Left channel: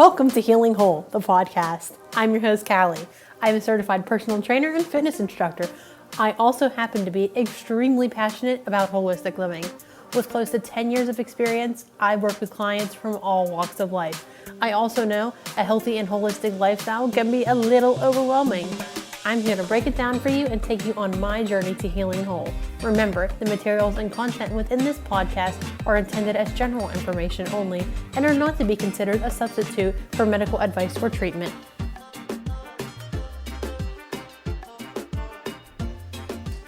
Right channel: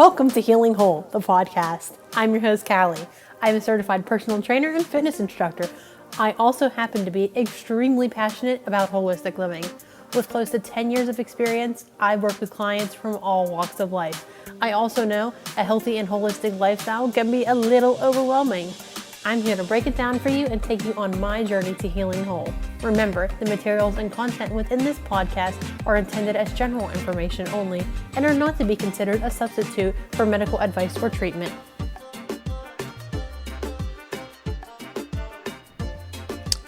Welcome to Healing Whole, the podcast. I'm your host, Callie. I'm a certified personal trainer and fitness instructor. I also happen to be extremely passionate about holistic living. With close to 10 years of experience, I've worked with clients from all walks of life. I also know a healthy and holistic lifestyle can be a little overwhelming. I'm here to break it down for you and take you on my journey to healing whole. Remember, the materials and content within this podcast are intended as general information only and are not to be considered a substitute for medical advice or treatment.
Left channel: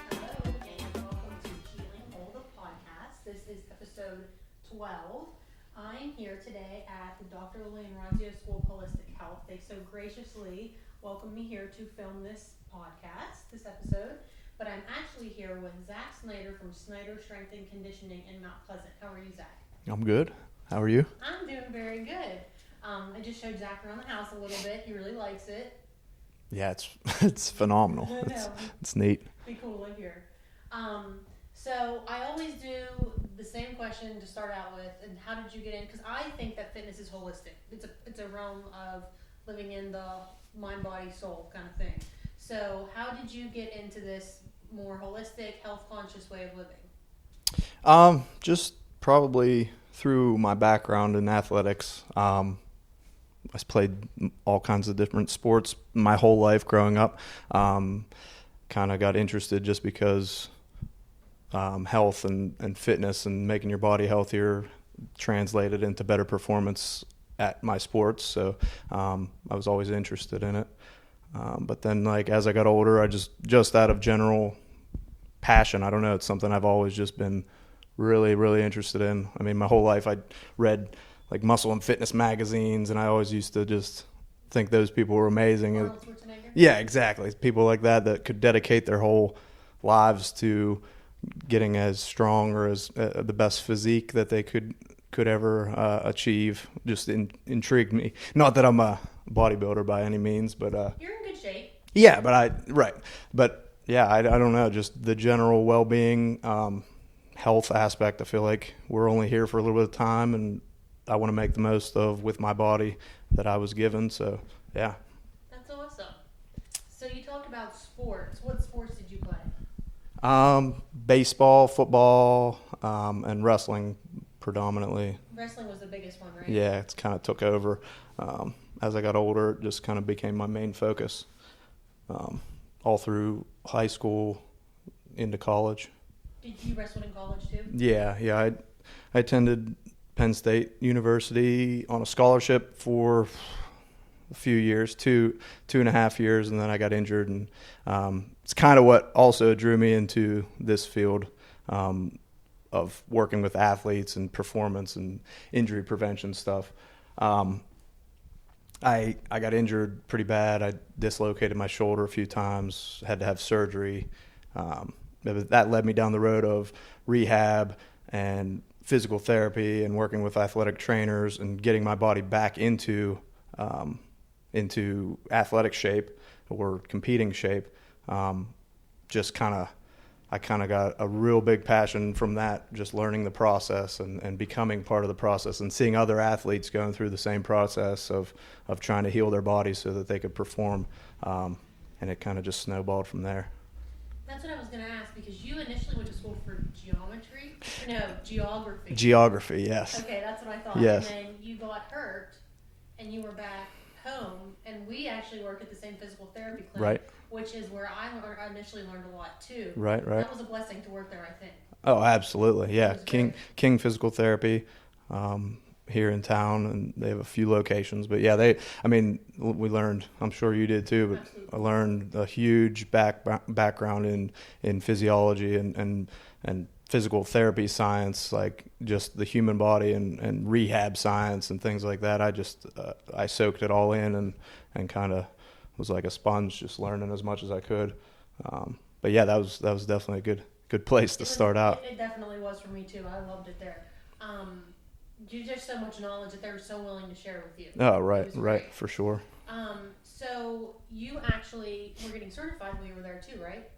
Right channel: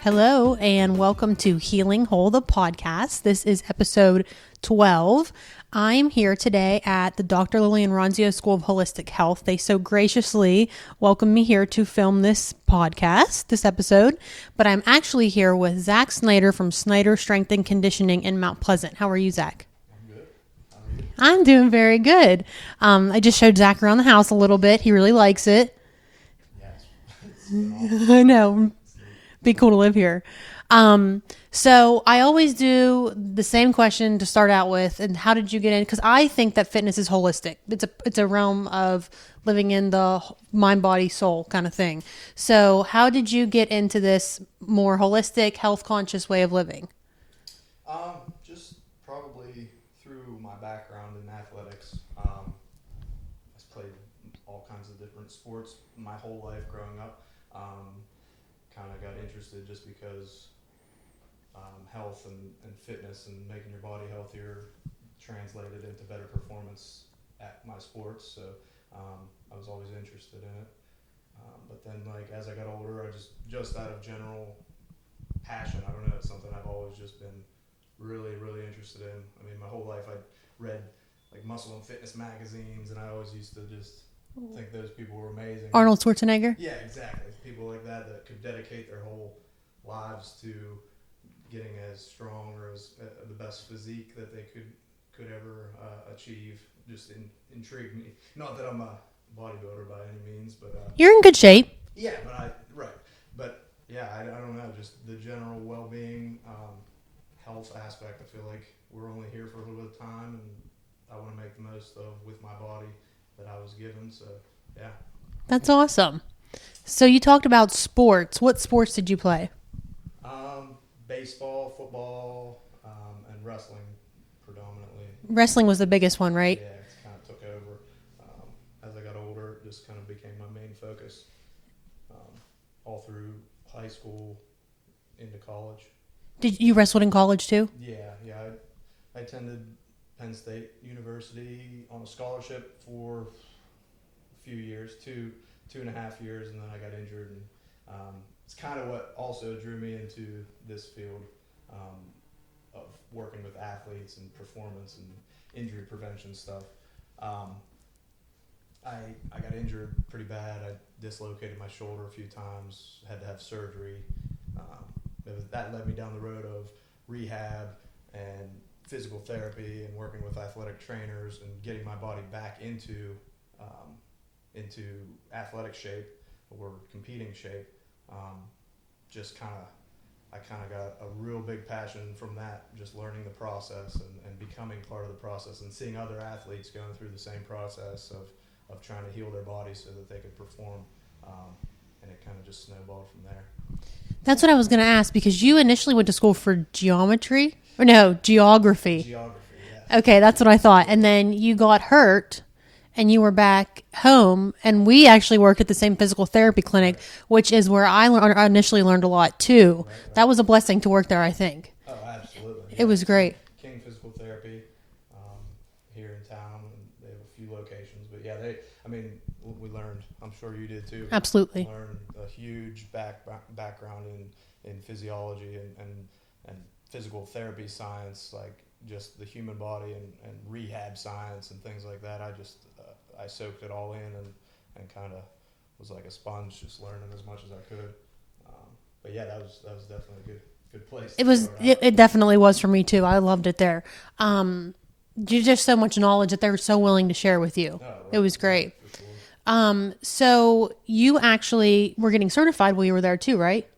Hello, and welcome to Healing Whole, the podcast. This is episode 12. I'm here today at the Dr. Lillian Ronzio School of Holistic Health. They so graciously welcomed me here to film this podcast, this episode. But I'm actually here with Zach Snyder from Snyder Strength and Conditioning in Mount Pleasant. How are you, Zach? I'm good. How are you? I'm doing very good. I just showed Zach around the house a little bit. He really likes it. Yeah, it's phenomenal. I know. It's neat. Be cool to live here. So I always do the same question to start out with. And how did you get in? Because I think that fitness is holistic. It's a realm of living in the mind, body, soul kind of thing. So how did you get into this more holistic, health conscious way of living? Just probably through my background in athletics. I played all kinds of different sports my whole life growing up. Kind of got interested just because health and fitness and making your body healthier translated into better performance at my sports. So I was always interested in it. But then as I got older, I just out of general passion, I don't know, it's something I've always just been really, really interested in. I mean, my whole life I read muscle and fitness magazines, and I always used to just think those people were amazing. Arnold Schwarzenegger? Yeah, exactly. People like that could dedicate their whole lives to getting as strong or as the best physique that they could ever achieve. Just intrigued me. Not that I'm a bodybuilder by any means, but You're in good shape. Yeah, but yeah, I don't know, just the general well-being, health aspect. I feel like we're only here for a little bit of time, and I want to make the most of with my body that I was given. So yeah, that's awesome. So you talked about sports. What sports did you play? Baseball, football, and wrestling predominantly. Wrestling was the biggest one, right? Yeah, it's kind of took over. As I got older, it just kind of became my main focus all through high school into college. Did you wrestle in college too? Yeah. I attended Penn State University on a scholarship for a few years, two and a half years, and then I got injured, and it's kind of what also drew me into this field of working with athletes and performance and injury prevention stuff. I got injured pretty bad. I dislocated my shoulder a few times, had to have surgery. That led me down the road of rehab and physical therapy and working with athletic trainers and getting my body back into athletic shape or competing shape. I kind of got a real big passion from that, just learning the process and becoming part of the process and seeing other athletes going through the same process of trying to heal their bodies so that they could perform. And it kind of just snowballed from there. That's what I was going to ask, because you initially went to school for geometry. Or no, geography. Geography, yes. Okay, that's what I thought. Yes. And then you got hurt, and you were back home, and we actually worked at the same physical therapy clinic, right. Which is where I initially learned a lot, too. Right. That was a blessing to work there, I think. Oh, absolutely. Yeah. It was great. King Physical Therapy here in town, and they have a few locations. But yeah, we learned, I'm sure you did too. But absolutely. I learned a huge background in physiology and physical therapy science, like just the human body and rehab science and things like that. I soaked it all in and kind of was like a sponge, just learning as much as I could. But yeah, that was definitely a good place to start out. It definitely was for me too. I loved it there. There's just so much knowledge that they were so willing to share with you. Oh, right. It was great. Right, for sure. So you actually were getting certified while you were there too, right?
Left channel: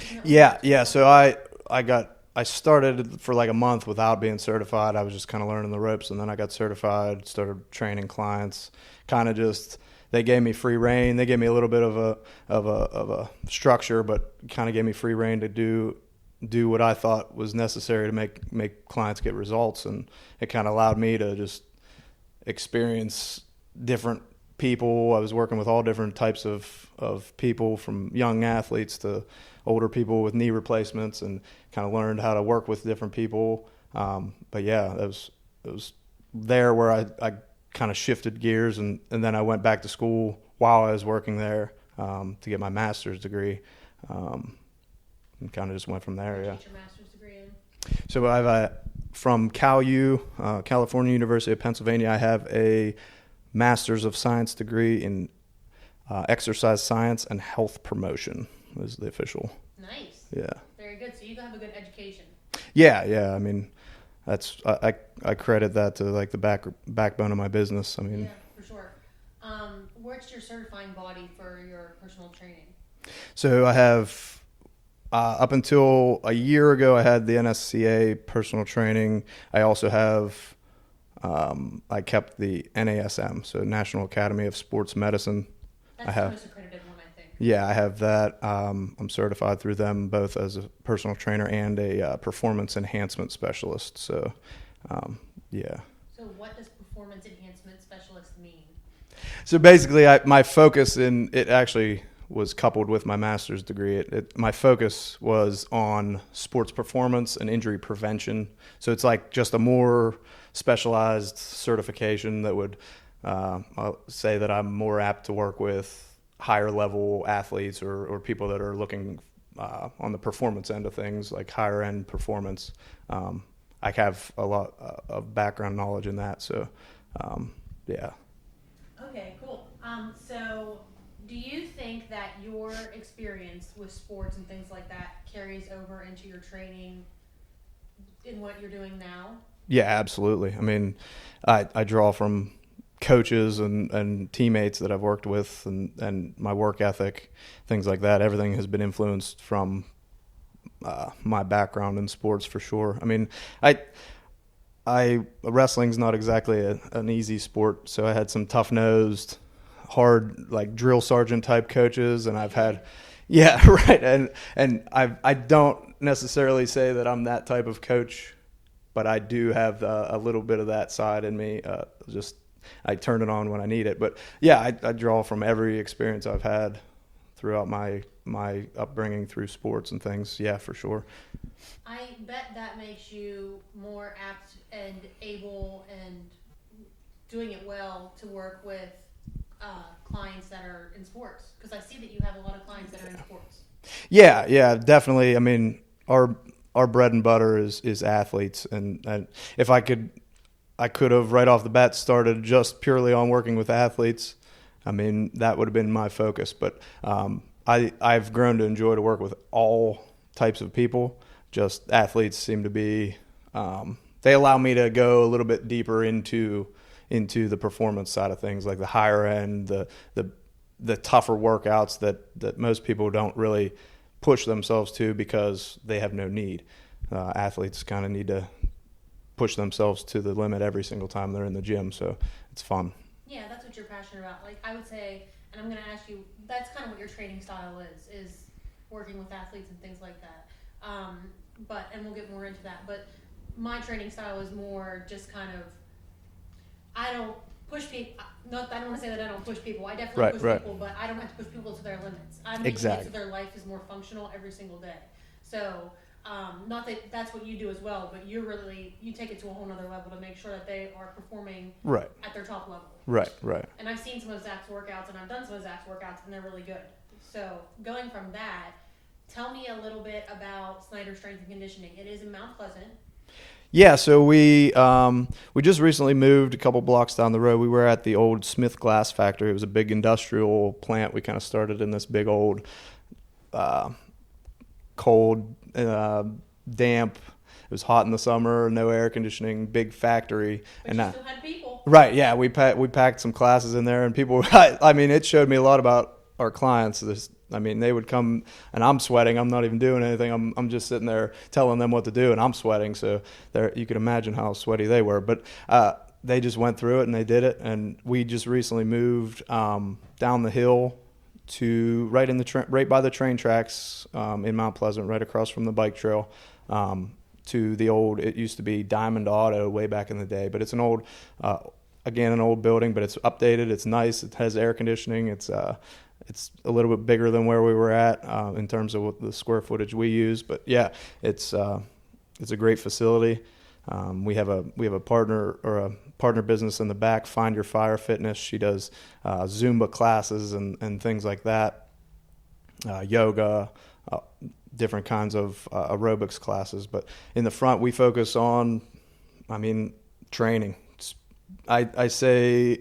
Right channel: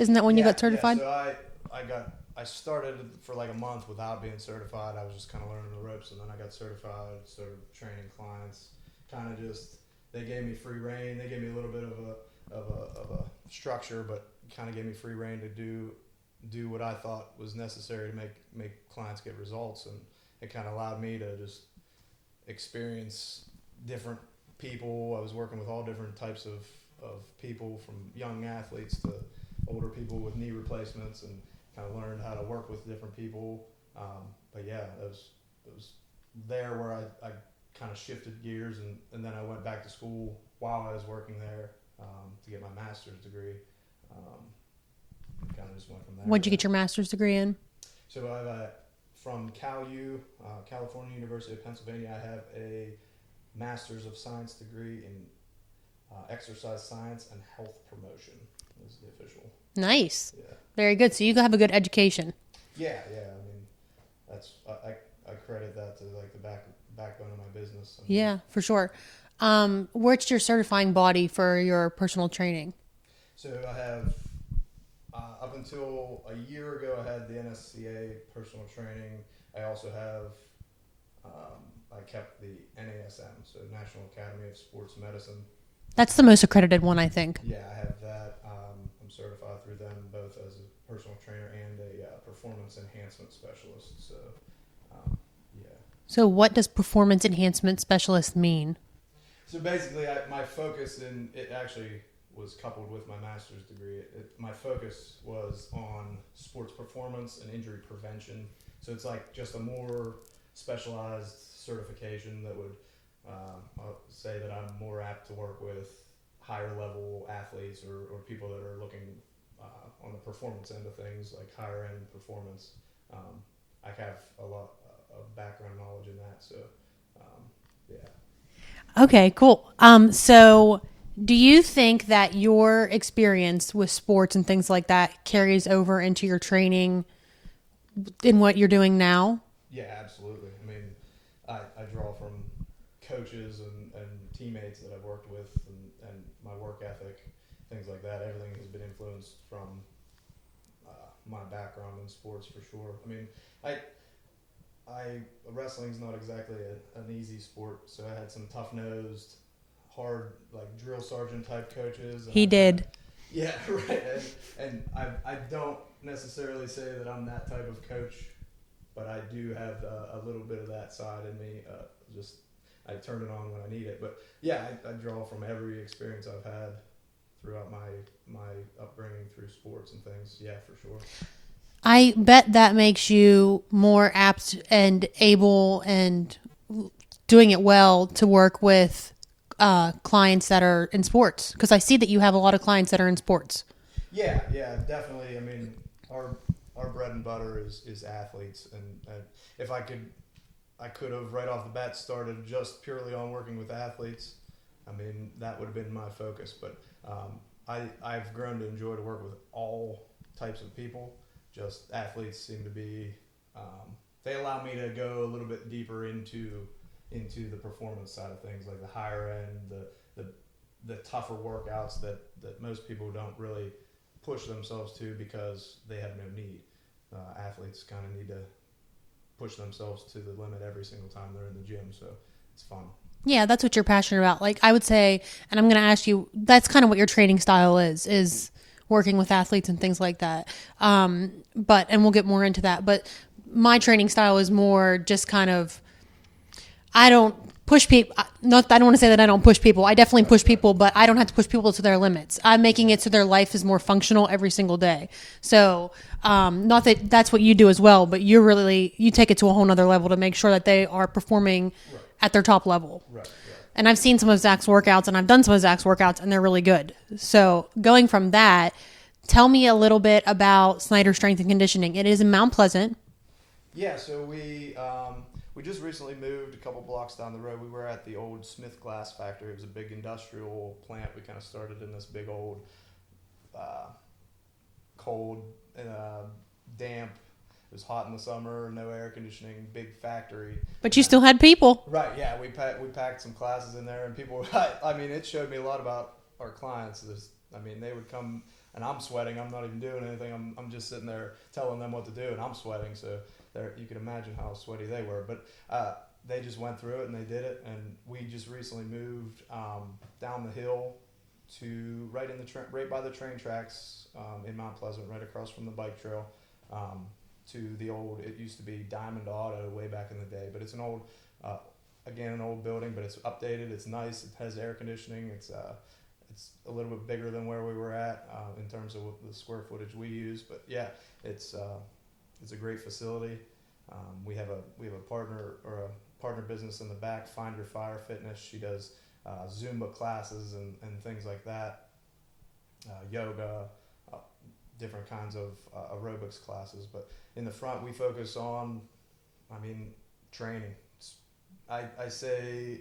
Isn't that when you got certified? Yeah. So I got I started for like a month without being certified. I was just kind of learning the ropes, and then I got certified, started training clients. Kind of just they gave me free reign. They gave me a little bit of a structure, but kind of gave me free reign to do what I thought was necessary to make clients get results, and it kind of allowed me to just experience different people. I was working with all different types of people, from young athletes to older people with knee replacements, and kind of learned how to work with different people. But yeah, it was there where I kind of shifted gears, and then I went back to school while I was working there to get my master's degree. And kind of just went from there. What'd you get your master's degree in? So I've from CalU, California University of Pennsylvania, I have a Master's of Science degree in exercise science and health promotion is the official. Nice. Yeah. Very good. So you have a good education. Yeah. I mean, that's I credit that to like the backbone of my business. I mean, yeah, for sure. What's your certifying body for your personal training? So I have up until a year ago, I had the NSCA personal training. I also have I kept the NASM, so National Academy of Sports Medicine. That's the most accredited one, I think. Yeah, I have that. I'm certified through them both as a personal trainer and a performance enhancement specialist. So, yeah. So what does performance enhancement specialist mean? So basically, my focus in it actually was coupled with my master's degree. My focus was on sports performance and injury prevention. So it's like just a more specialized certification that would I'll say that I'm more apt to work with higher level athletes or people that are looking on the performance end of things, like higher end performance. I have a lot of background knowledge in that. So, yeah. Okay, cool. So do you think that your experience with sports and things like that carries over into your training in what you're doing now? Yeah, absolutely. I mean, I draw from coaches and teammates that I've worked with and my work ethic, things like that. Everything has been influenced from my background in sports for sure. I mean, wrestling's not exactly an easy sport, so I had some tough-nosed, hard, like drill sergeant type coaches. And yeah, right. And I don't necessarily say that I'm that type of coach, but I do have a little bit of that side in me. I turn it on when I need it. But yeah, I draw from every experience I've had throughout my upbringing through sports and things. Yeah, for sure. I bet that makes you more apt and able and doing it well to work with clients that are in sports, because I see that you have a lot of clients that are in sports. Yeah, definitely. I mean, our bread and butter is athletes, and if I could have right off the bat started just purely on working with athletes. I mean, that would have been my focus. But I've grown to enjoy to work with all types of people. Just athletes seem to be they allow me to go a little bit deeper into the performance side of things, like the higher end, the tougher workouts that most people don't really push themselves to because they have no need. Athletes kind of need to push themselves to the limit every single time they're in the gym, so it's fun. Yeah, that's what you're passionate about. Like I would say, and I'm going to ask you, that's kind of what your training style is working with athletes and things like that. And we'll get more into that, but my training style is more just kind of, I don't push people. I don't want to say that I don't push people. I definitely push people, but I don't have to push people to their limits. I'm making it so their life is more functional every single day. So, not that that's what you do as well, but you take it to a whole nother level to make sure that they are performing at their top level. Right. And I've seen some of Zach's workouts, and I've done some of Zach's workouts, and they're really good. So going from that, tell me a little bit about Snyder Strength and Conditioning. It is in Mount Pleasant. Yeah, so we just recently moved a couple blocks down the road. We were at the old Smith Glass factory. It was a big industrial plant. We kind of started in this big old cold, damp. It was hot in the summer, no air conditioning, big factory. But you still had people. Right, yeah. We packed some classes in there, and people, I mean, it showed me a lot about our clients. I mean, they would come and I'm sweating. I'm not even doing anything. I'm just sitting there telling them what to do, and I'm sweating. So you can imagine how sweaty they were. But they just went through it and they did it. And we just recently moved down the hill to right by the train tracks in Mount Pleasant, right across from the bike trail. To the old, it used to be Diamond Auto way back in the day, but it's an old, again, an old building, but it's updated. It's nice. It has air conditioning. It's a little bit bigger than where we were at in terms of what the square footage we use. But yeah, it's a great facility. We have a partner business in the back, Find Your Fire Fitness. She does Zumba classes and things like that, yoga, different kinds of aerobics classes. But in the front, we focus on, training. I say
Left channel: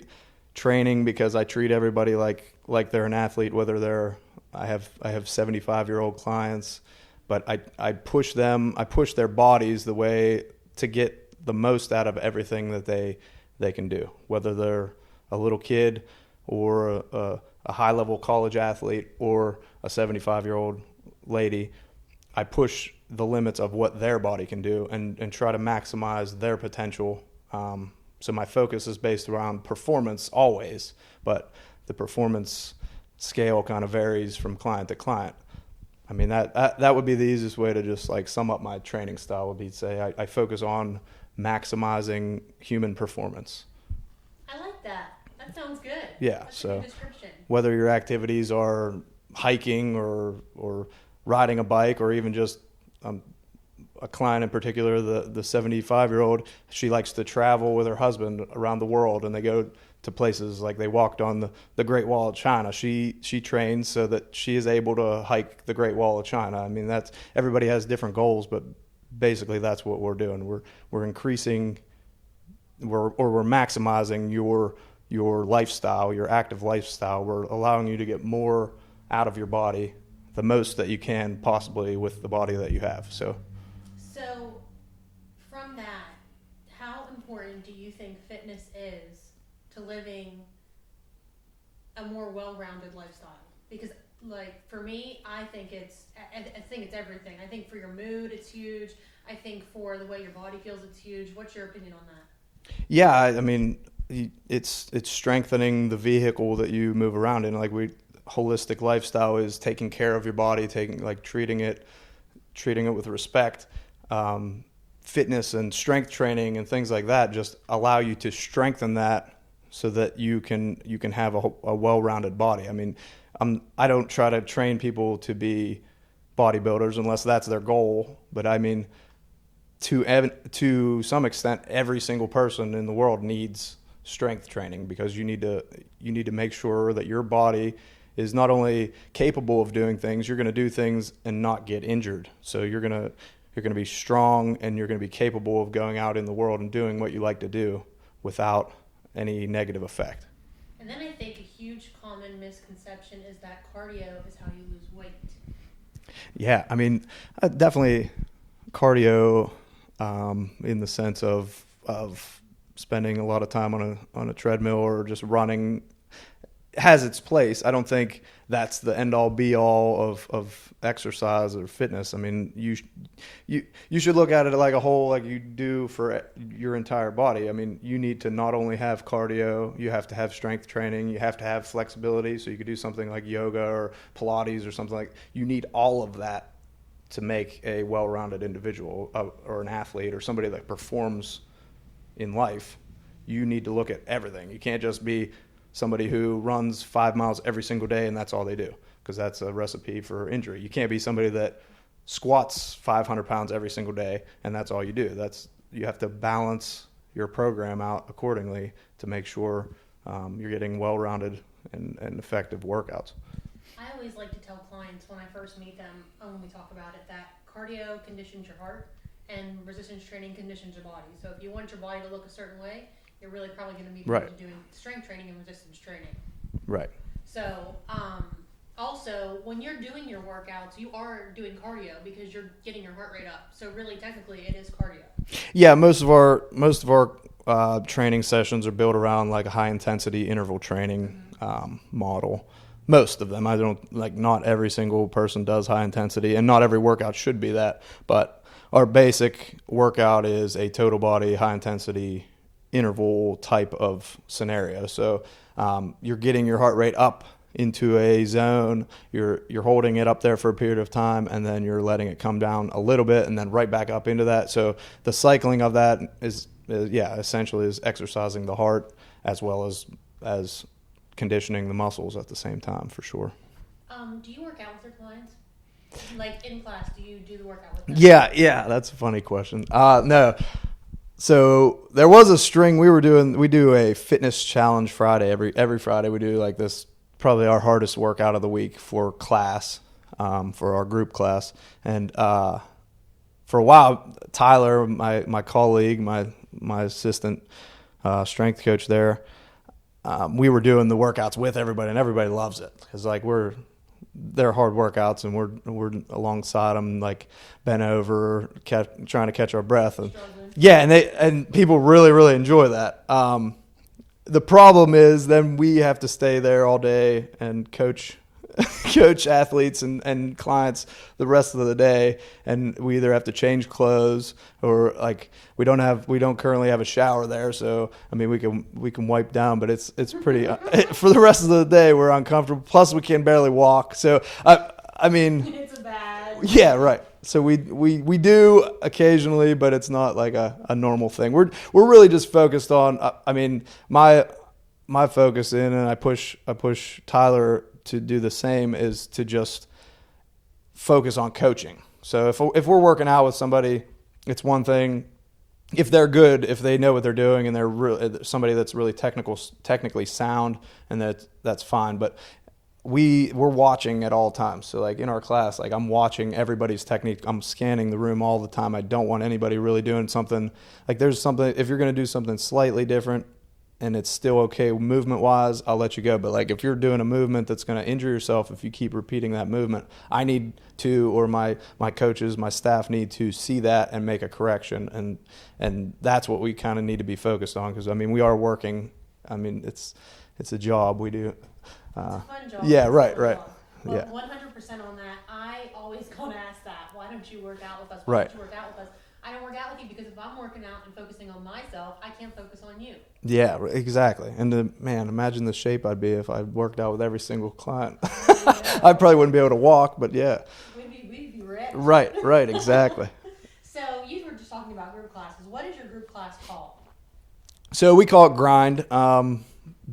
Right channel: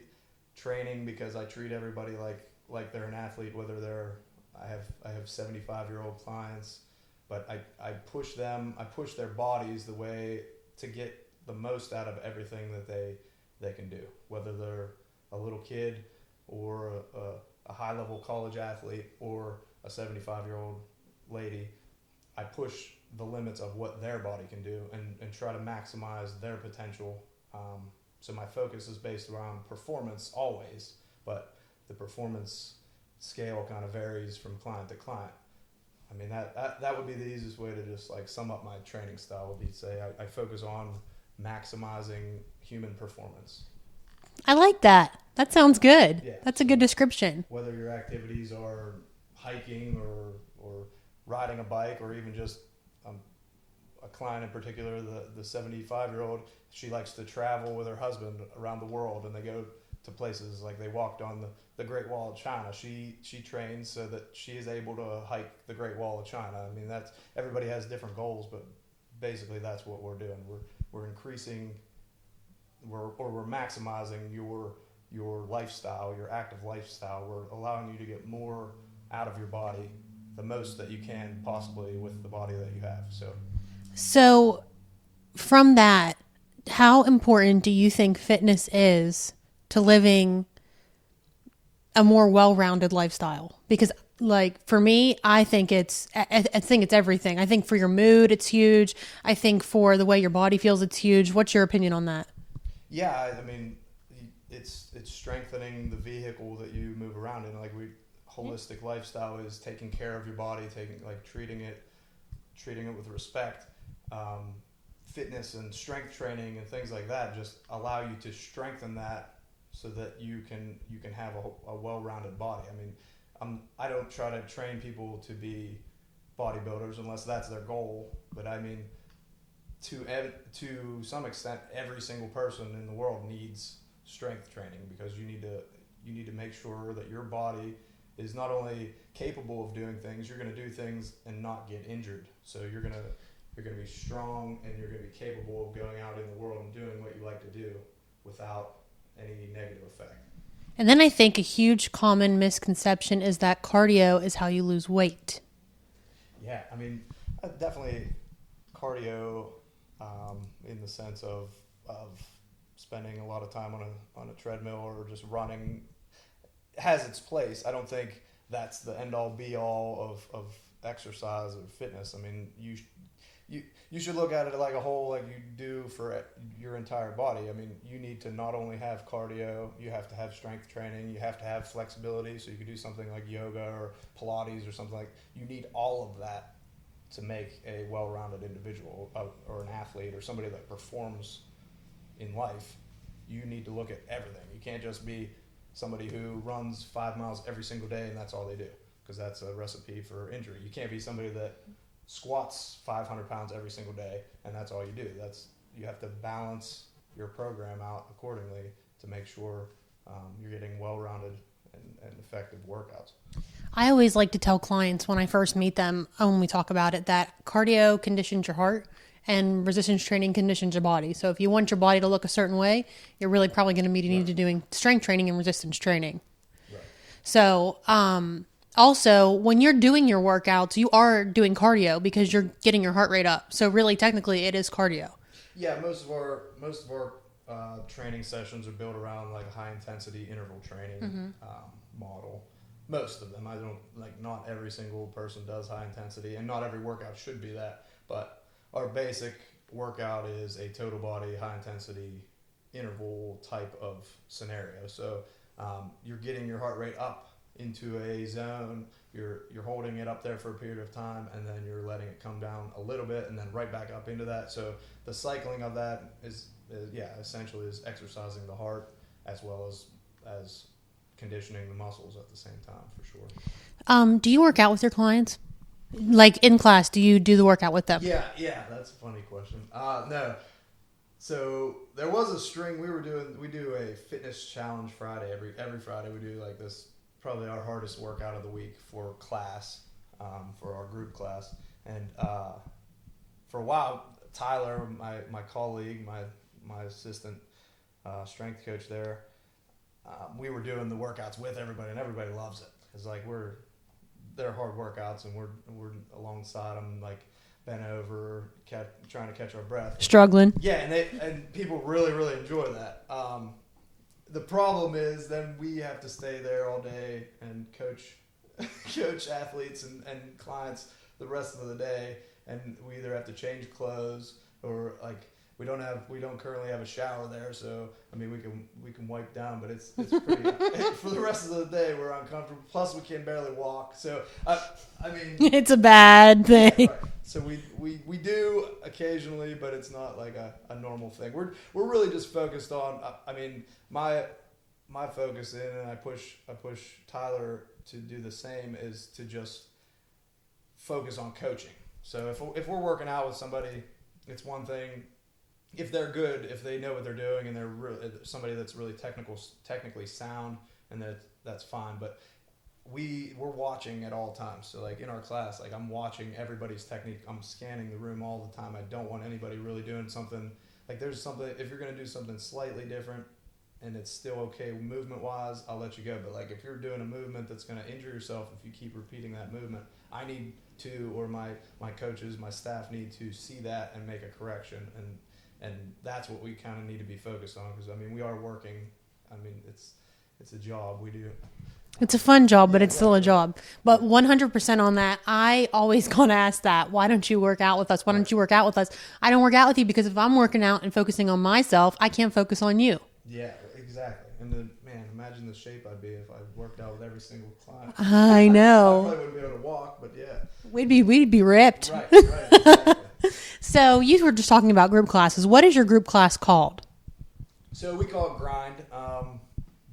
training because I treat everybody like they're an athlete, whether I have 75-year-old clients, but I push their bodies the way to get the most out of everything that they can do, whether they're a little kid or a high-level college athlete or a 75-year-old lady. I push the limits of what their body can do and try to maximize their potential. So my focus is based around performance always, but the performance scale kind of varies from client to client. I mean, that would be the easiest way to just sum up my training style would be to say I focus on maximizing human performance. I like that. That sounds good. Yeah. That's a good description. Whether your activities are hiking or riding a bike, or even just a client in particular, the 75-year-old, she likes to travel with her husband around the world, and they go to places like they walked on the Great Wall of China. She trains so that she is able to hike the Great Wall of China. I mean, everybody has different goals, but basically that's what we're doing. We're increasing, we're maximizing your lifestyle, your active lifestyle. We're allowing you to get more out of your body, the most that you can possibly with the body that you have. So from that, how important do you think fitness is to living a more well-rounded lifestyle? Because for me, I think it's everything. I think for your mood, it's huge. I think for the way your body feels, it's huge. What's your opinion on that? Yeah, I mean, it's strengthening the vehicle that you move around in. Holistic lifestyle is taking care of your body, treating it with respect. Fitness and strength training and things like that just allow you to strengthen that so that you can have a well-rounded body. I mean, I don't try to train people to be bodybuilders unless that's their goal. But I mean, to some extent, every single person in the world needs strength training, because you need to make sure that your body is not only capable of doing things, you're going to do things and not get injured. So you're going to be strong, and you're going to be capable of going out in the world and doing what you like to do without any negative effect. And then I think a huge common misconception is that cardio is how you lose weight. Yeah, I mean, definitely cardio in the sense of spending a lot of time on a treadmill or just running has its place. I don't think that's the end all be all of exercise or fitness. I mean, you should look at it like a whole, like you do for your entire body. I mean, you need to not only have cardio, you have to have strength training, you have to have flexibility, so you could do something like yoga or Pilates or something like. You need all of that to make a well-rounded individual or an athlete or somebody that performs in life. You need to look at everything. You can't just be somebody who runs 5 miles every single day and that's all they do, because that's a recipe for injury. You can't be somebody that squats 500 pounds every single day and that's all you do. You have to balance your program out accordingly to make sure you're getting well-rounded and effective workouts. I always like to tell clients when I first meet them, when we talk about it, that cardio conditions your heart and resistance training conditions your body. So if you want your body to look a certain way, you're really probably going to be needing to doing strength training and resistance training. Right. So also, when you're doing your workouts, you are doing cardio because you're getting your heart rate up. So really, technically, it is cardio. Yeah, most of our training sessions are built around like a high intensity interval training model. most of them. I don't not every single person does high intensity, and not every workout should be that. But our basic workout is a total body high intensity interval type of scenario. So you're getting your heart rate up into a zone. You're holding it up there for a period of time, and then you're letting it come down a little bit, and then right back up into that. So the cycling of that is essentially is exercising the heart as well as conditioning the muscles at the same time, for sure. Do you work out with your clients? Like in class, do you do the workout with them? Yeah, that's a funny question. No. So there was a string we do a fitness challenge Friday. Every Friday we do like this, probably our hardest workout of the week for class, for our group class. And for a while, Tyler, my colleague, my assistant strength coach there, we were doing the workouts with everybody, and everybody loves it because they're hard workouts, and we're alongside them, like bent over, trying to catch our breath, and, struggling. Yeah, and people really really enjoy that. The problem is then we have to stay there all day and coach athletes and clients the rest of the day, and we either have to change clothes or like we don't currently have a shower there, so I mean we can wipe down, but it's pretty for the rest of the day we're uncomfortable, plus we can barely walk, so I mean it's a bad thing. Yeah, right. So we do occasionally, but it's not like a normal thing. We're really just focused on I mean my focus and I push Tyler to do the same, is to just focus on coaching. So if we're working out with somebody, it's one thing. If they're good, if they know what they're doing, and they're somebody that's really technically sound, and that's fine. But we're watching at all times. So like in our class, like I'm watching everybody's technique. I'm scanning the room all the time. I don't want anybody really doing something like there's something. If you're going to do something slightly different, and it's still okay movement-wise, I'll let you go. But like if you're doing a movement that's going to injure yourself, if you keep repeating that movement, I need to, or my coaches, my staff need to see that and make a correction. And that's what we kind of need to be focused on, because I mean we are working. I mean it's a job we do. It's a fun job, but it's still a job. But Yeah. 100% on that. I always gonna ask that. Why don't you work out with us? Why don't you work out with us? I don't work out with you because if I'm working out and focusing on myself, I can't focus on you. Yeah, exactly. And man, imagine the shape I'd be if I worked out with every single client. I know. I probably wouldn't be able to walk, but yeah. We'd be ripped. Right, exactly. So you were just talking about group classes. What is your group class called? So we call it Grind,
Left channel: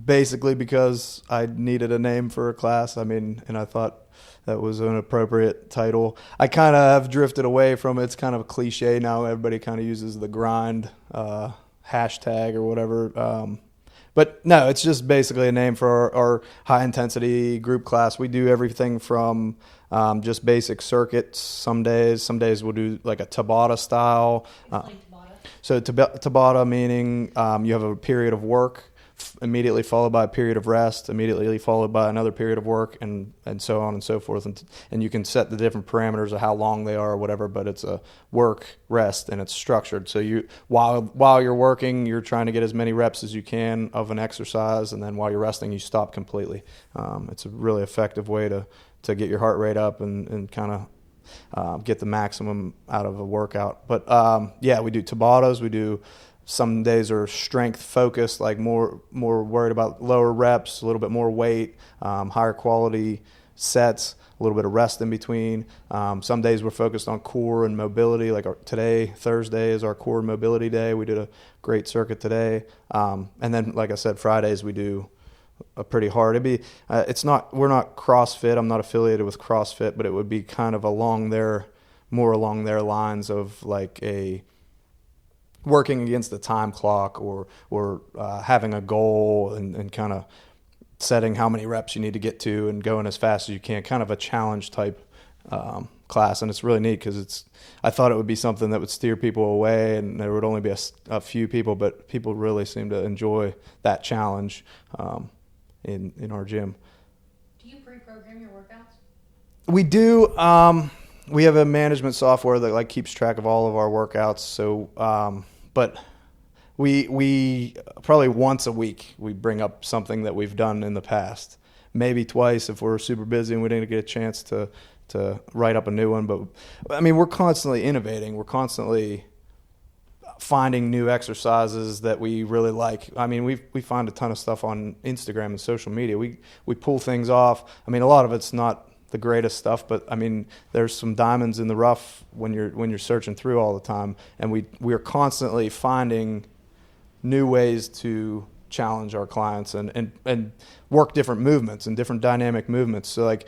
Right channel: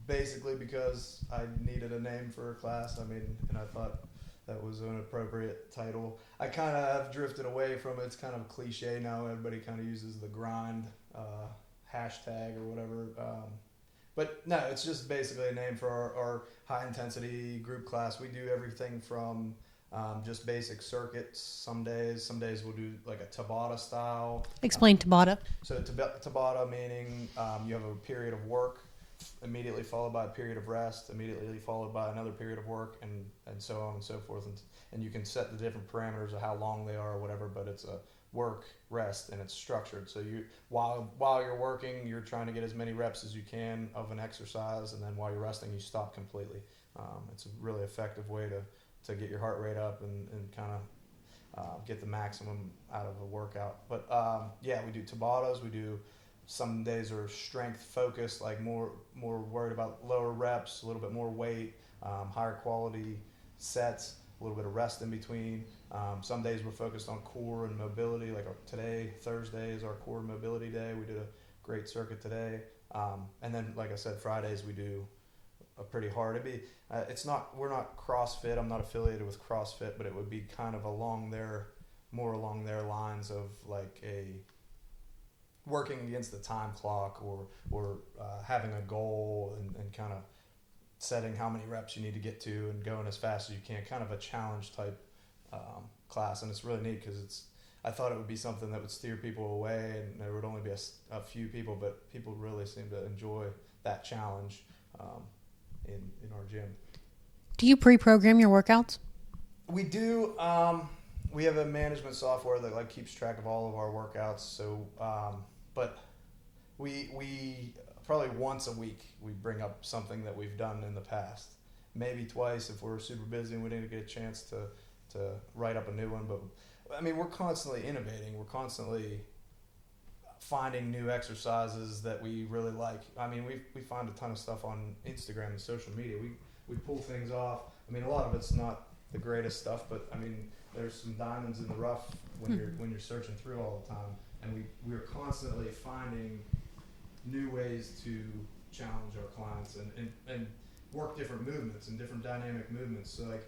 basically because I needed a name for a class. I mean, and I thought that was an appropriate title. I kind of have drifted away from it. It's kind of a cliche now. Everybody kind of uses the Grind hashtag or whatever. But no, it's just basically a name for our high intensity group class. We do everything from just basic circuits. Some days we'll do like a Tabata style. Explain Tabata. So Tabata meaning you have a period of work, immediately followed by a period of rest, immediately followed by another period of work, and so on and so forth. And you can set the different parameters of how long they are or whatever, but it's a work, rest, and it's structured. So you while you're working, you're trying to get as many reps as you can of an exercise, and then while you're resting, you stop completely. It's a really effective way to get your heart rate up and kind of get the maximum out of a workout. But we do Tabatas, we do. Some days are strength focused, like more worried about lower reps, a little bit more weight, higher quality sets, a little bit of rest in between. Some days we're focused on core and mobility, like today, Thursday is our core mobility day. We did a great circuit today. And then, like I said, Fridays we do a pretty hard. We're not CrossFit. I'm not affiliated with CrossFit, but it would be kind of more along their lines of like a working against the time clock or having a goal and kind of setting how many reps you need to get to and going as fast as you can, kind of a challenge type class. And it's really neat because I thought it would be something that would steer people away and there would only be a few people, but people really seem to enjoy that challenge in our gym. Do you pre-program your workouts? We do. We have a management software that like keeps track of all of our workouts. So, but we probably once a week we bring up something that we've done in the past. maybe twice if we're super busy and we didn't get a chance to write up a new one. But I mean, we're constantly innovating. We're constantly finding new exercises that we really like. I mean, we find a ton of stuff on Instagram and social media. We pull things off. I mean, a lot of it's not the greatest stuff, but I mean, there's some diamonds in the rough when you're searching through all the time, and we are constantly finding new ways to challenge our clients and work different movements and different dynamic movements. So like,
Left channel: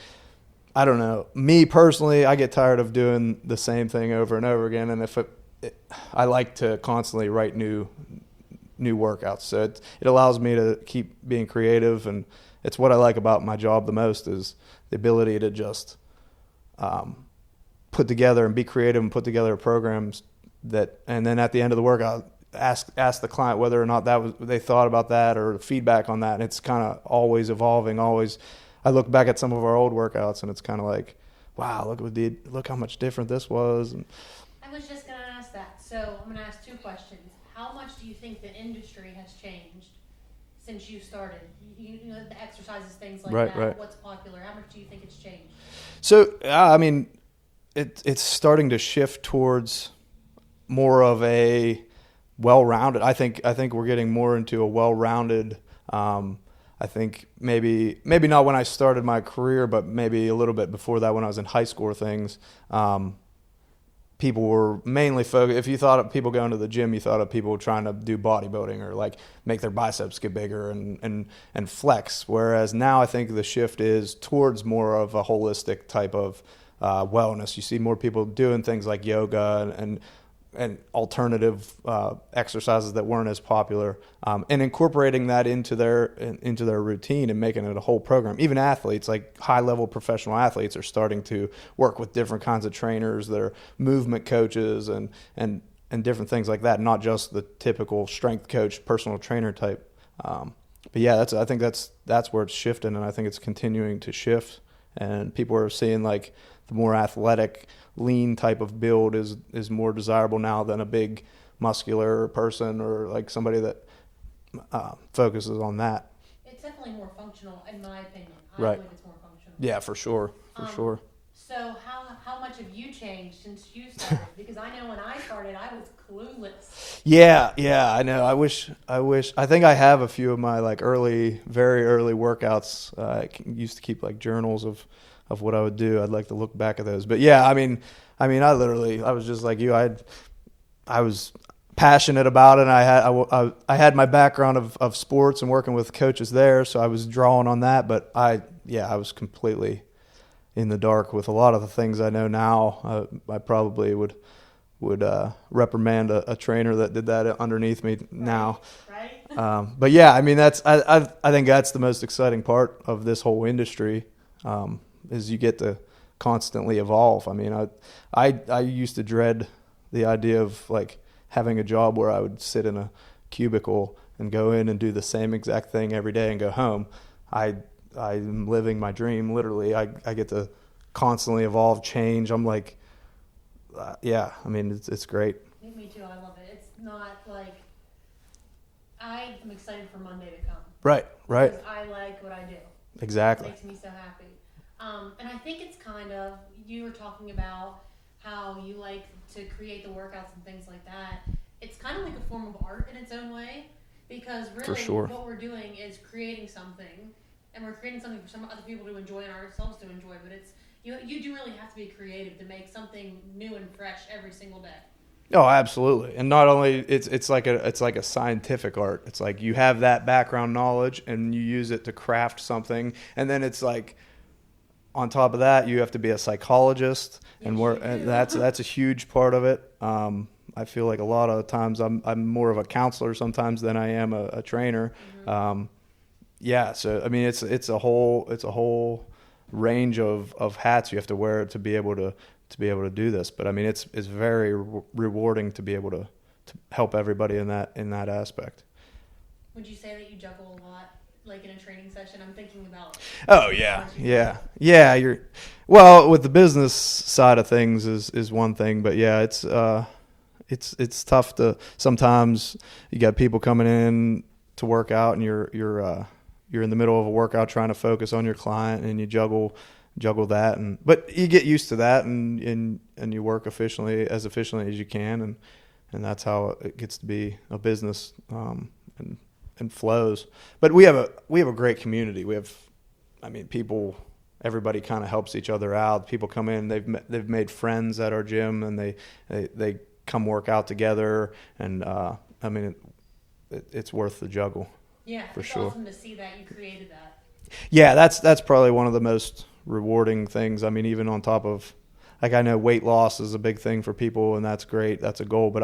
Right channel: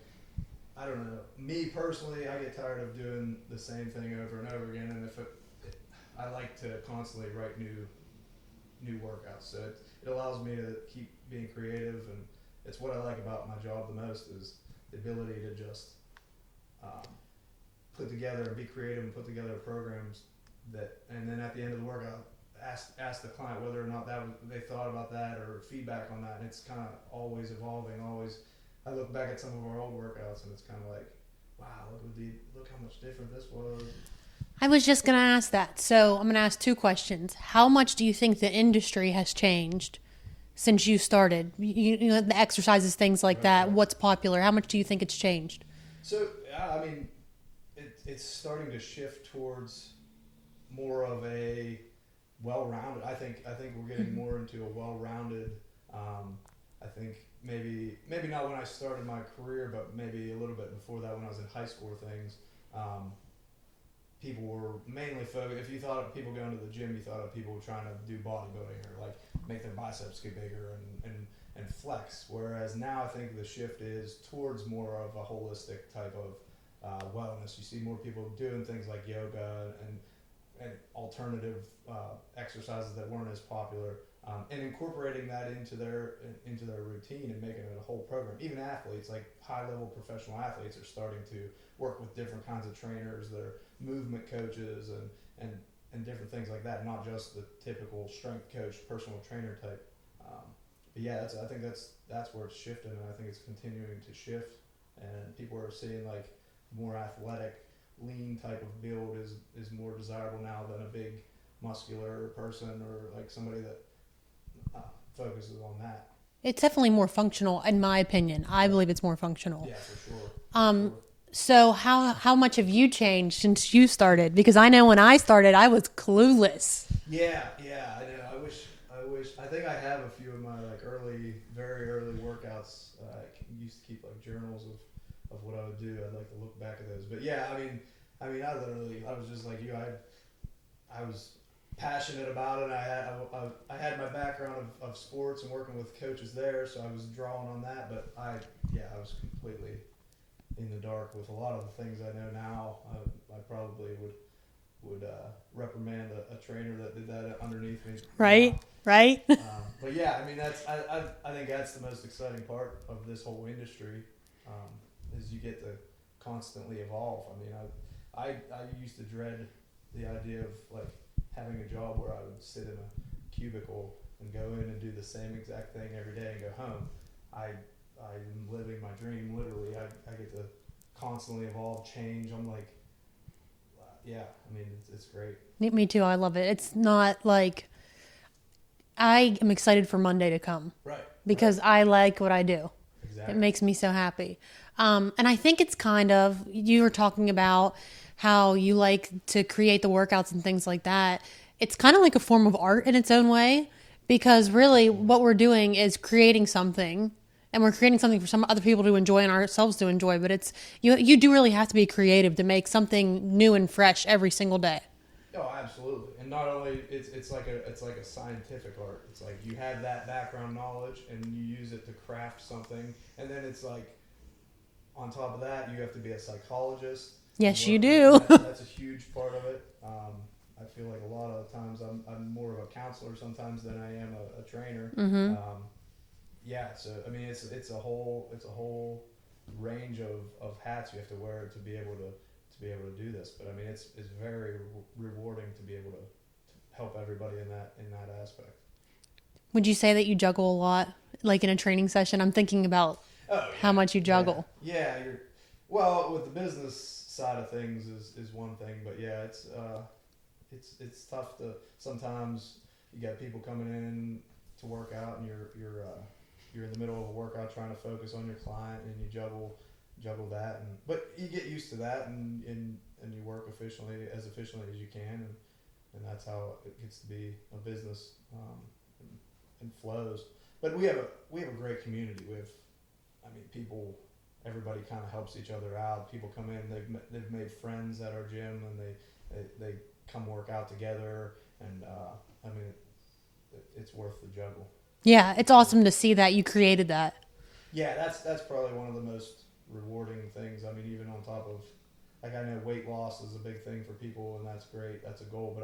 I don't know, me personally, I get tired of doing the same thing over and over again, and if I like to constantly write new workouts. So it allows me to keep being creative, and it's what I like about my job the most is the ability to just put together and be creative and put together programs and then at the end of the workout, ask the client whether or not they thought about that or feedback on that. And it's kind of always evolving. I look back at some of our old workouts and it's kind of like, wow, look how much different this was. And I was just going to ask that. So I'm going to ask two questions. How much do you think the industry has changed since you started? You know, the exercises, things like that. Right. What's popular? How much do you think it's changed? So, I mean, it's starting to shift towards more of a well-rounded. I think we're getting more into a well-rounded. I think maybe not when I started my career, but maybe a little bit before that when I was in high school or things. People were mainly focused. If you thought of people going to the gym, you thought of people trying to do bodybuilding or like make their biceps get bigger and flex. Whereas now I think the shift is towards more of a holistic type of wellness. You see more people doing things like yoga and alternative exercises that weren't as popular, and incorporating that into their routine and making it a whole program. Even athletes, like high-level professional athletes, are starting to work with different kinds of trainers that are movement coaches and different things like that, not just the typical strength coach, personal trainer type. But yeah, I think that's where it's shifting, and I think it's continuing to shift. And people are seeing like the more athletic, lean type of build is more desirable now than a big muscular person or like somebody that focuses on that. It's definitely more functional, in my opinion. I believe it's more functional. Yeah, for sure. So how much have you changed since you started? Because I know when I started, I was clueless. Yeah, I know. I think I have a few of my like very early workouts. I used to keep like journals of what I would do. I'd like to look back at those. But yeah, I mean, I was just like you. I was passionate about it. And I had my background of sports and working with coaches there, so I was drawing on that. But I was completely in the dark with a lot of the things I know now. I probably would reprimand a trainer that did that underneath me now. Right. But yeah, I mean, I think that's the most exciting part of this whole industry. Is you get to constantly evolve. I mean, I used to dread the idea of like having a job where I would sit in a cubicle and go in and do the same exact thing every day and go home. I'm living my dream, literally. I get to constantly evolve, change. I'm like, I mean, it's great. Me too. I love it. It's not like I am excited for Monday to come. Right. Because I like what I do. Exactly. It makes me so happy. And I think it's kind of, you were talking about how you like to create the workouts and things like that. It's kind of like a form of art in its own way, because really what we're doing is creating something, and we're creating something for some other people to enjoy and ourselves to enjoy. But it's, you do really have to be creative to make something new and fresh every single day. Oh, absolutely. And not only it's like a scientific art. It's like you have that background knowledge and you use it to craft something, and then it's like, on top of that, you have to be a psychologist. Yes, you do. That's a huge part of it. I feel like a lot of the times I'm more of a counselor sometimes than I am a trainer. Mm-hmm. So I mean, it's a whole range of hats you have to wear to be able to do this. But I mean, it's very rewarding to be able to help everybody in that aspect. Would you say that you juggle a lot? Like in a training session, I'm thinking about how much you juggle. Yeah, well, with the business side of things is one thing, but yeah, it's tough to, sometimes you got people coming in to work out and you're you're in the middle of a workout trying to focus on your client, and you juggle that, but you get used to that, and you work efficiently as you can, and that's how it gets to be a business, and flows. But we have a great community. People, everybody kind of helps each other out. People come in, they've made friends at our gym, and they come work out together, and it's worth the juggle. Yeah, it's awesome to see that you created that. Yeah, that's probably one of the most rewarding things. I mean, even on top of, like, I know weight loss is a big thing for people, and that's great. That's a goal. But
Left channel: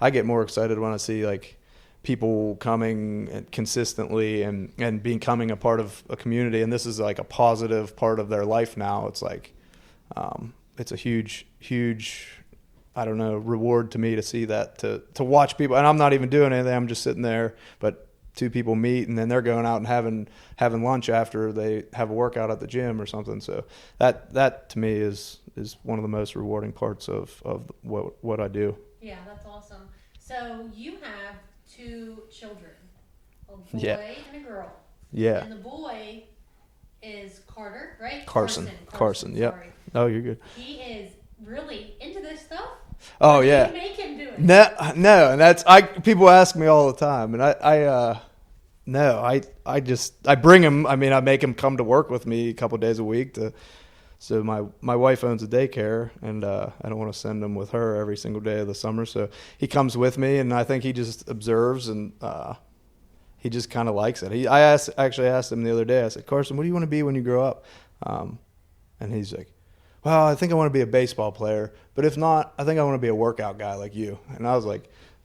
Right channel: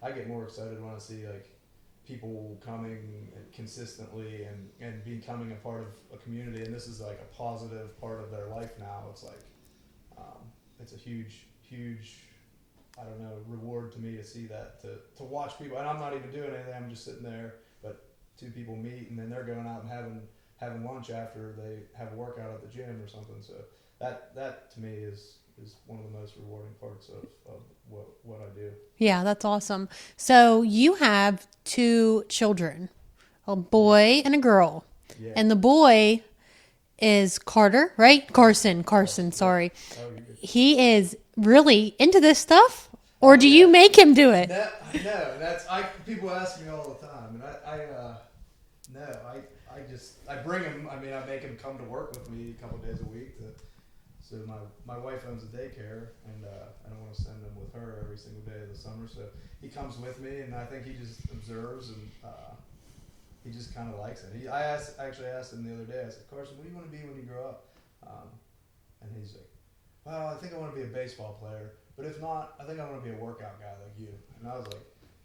I get more excited when I see, like, people coming consistently and becoming a part of a community. And this is like a positive part of their life now. It's like, it's a huge, I don't know, reward to me to see that, to watch people. And I'm not even doing anything. I'm just sitting there, but two people meet, and then they're going out and having lunch after they have a workout at the gym or something. So that to me is one of the most rewarding parts of what I do. Yeah, that's awesome. So you have 2 children, a boy and a girl. Yeah. And the boy is Carter, right? Carson, sorry. Yep. Oh, you're good. He is really into this stuff? Or do you make him do it? No, and people ask me all the time, and I bring him. I mean, I make him come to work with me a couple days a week. So my wife owns a daycare, and I don't want to send him with her every single day of the summer. So he comes with me, and I think he just observes, and he just kind of likes it. I actually asked him the other day. I said, Carson, what do you want to be when you grow up? And he's like, well, I think I want to be a baseball player, but if not, I think I want to be a workout guy like you. And I was like,